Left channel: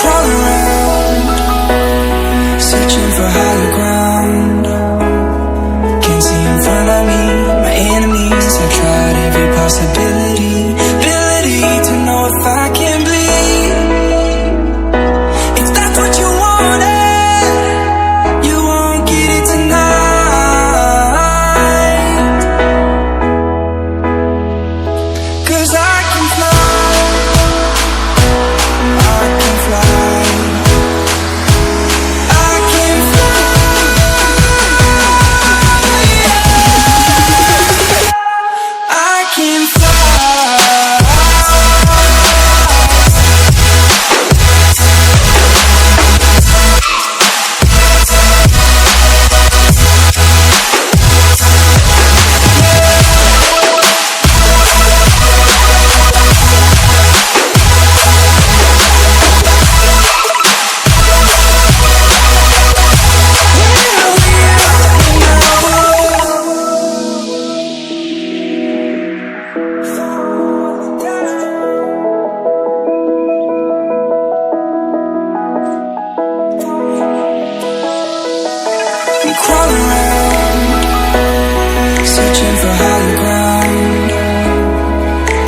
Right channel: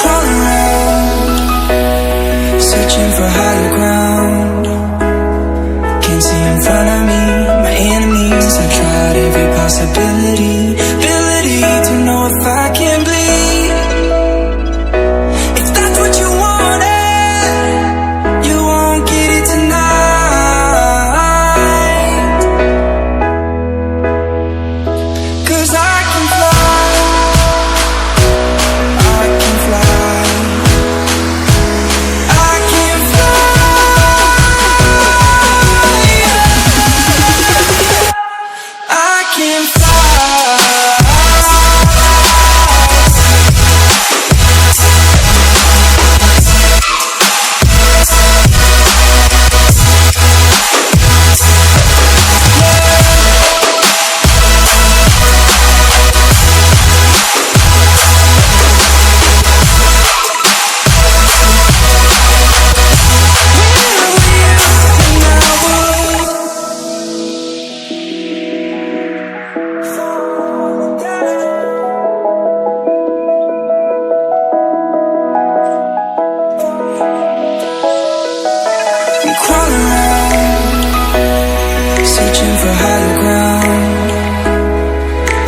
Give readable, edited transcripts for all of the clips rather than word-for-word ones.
Crawling around, searching for higher ground. Can't see in front of me, my enemies. I've tried every possibility, ability to know if I can bleed. If that's what you wanted, you won't get it tonight. 'Cause I can fly, I can fly, I can fly, yeah. I can fly. I'm crawling around, searching for higher ground.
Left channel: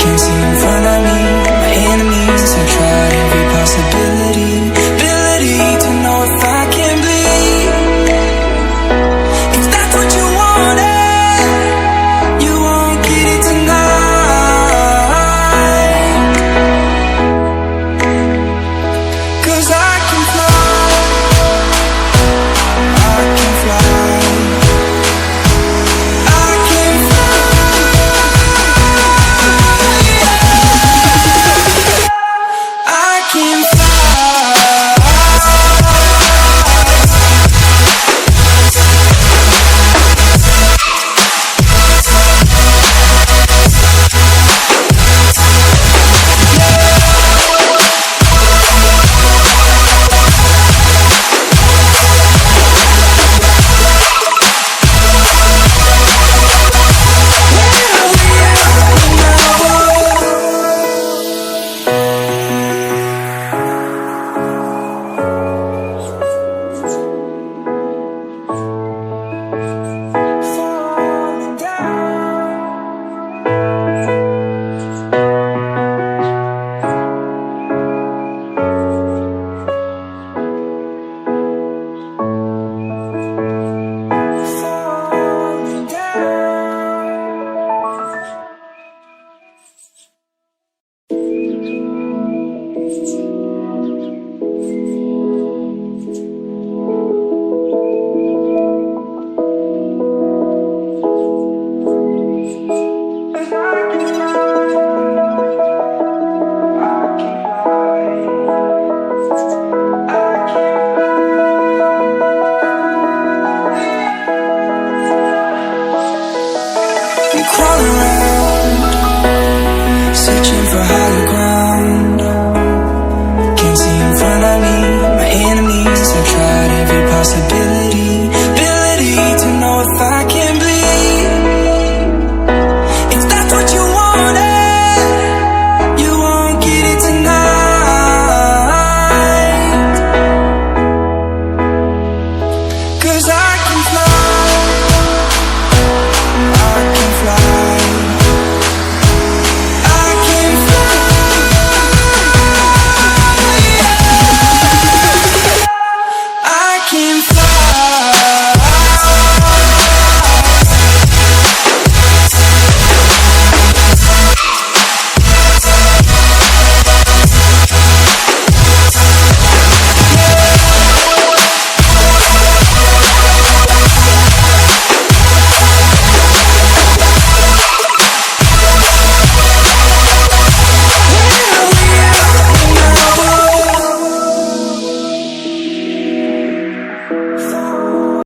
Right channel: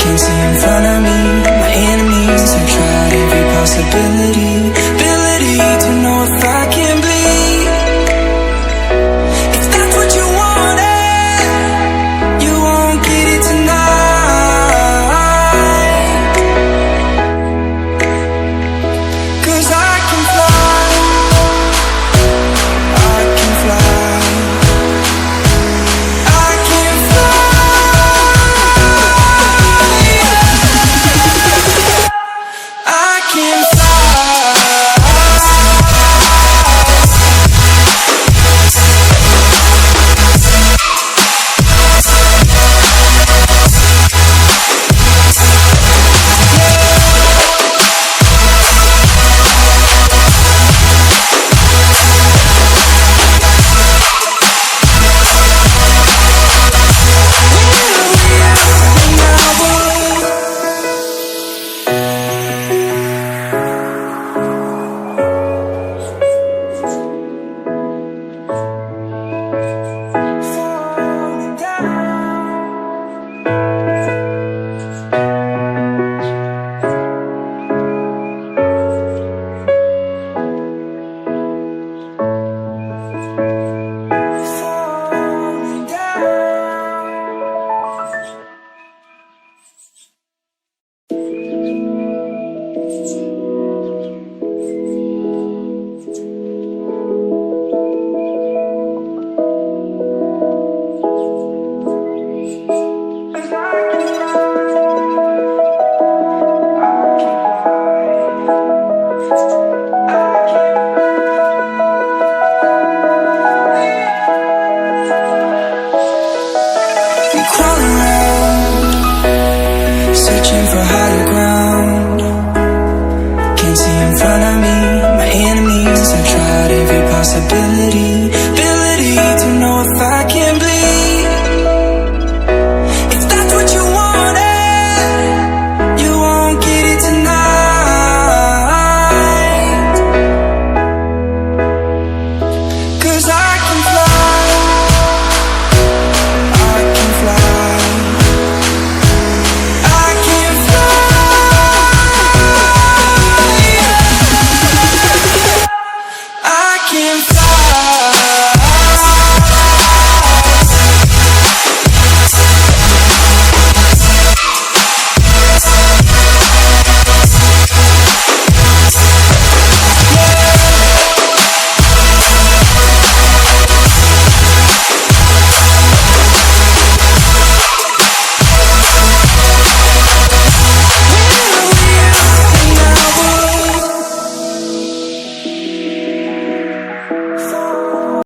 Can't see in front of me, my enemies. I've tried every possibility, ability to know if I can bleed. If that's what you wanted, you won't get it tonight. 'Cause I can fly, I can fly, I can fly, yeah. I can fly. I'm crawling around, searching for higher ground. Can't see in front of me, my enemies. I've tried every possibility, ability to know if I can bleed. If that's what you wanted, you won't get it tonight. 'Cause I can fly.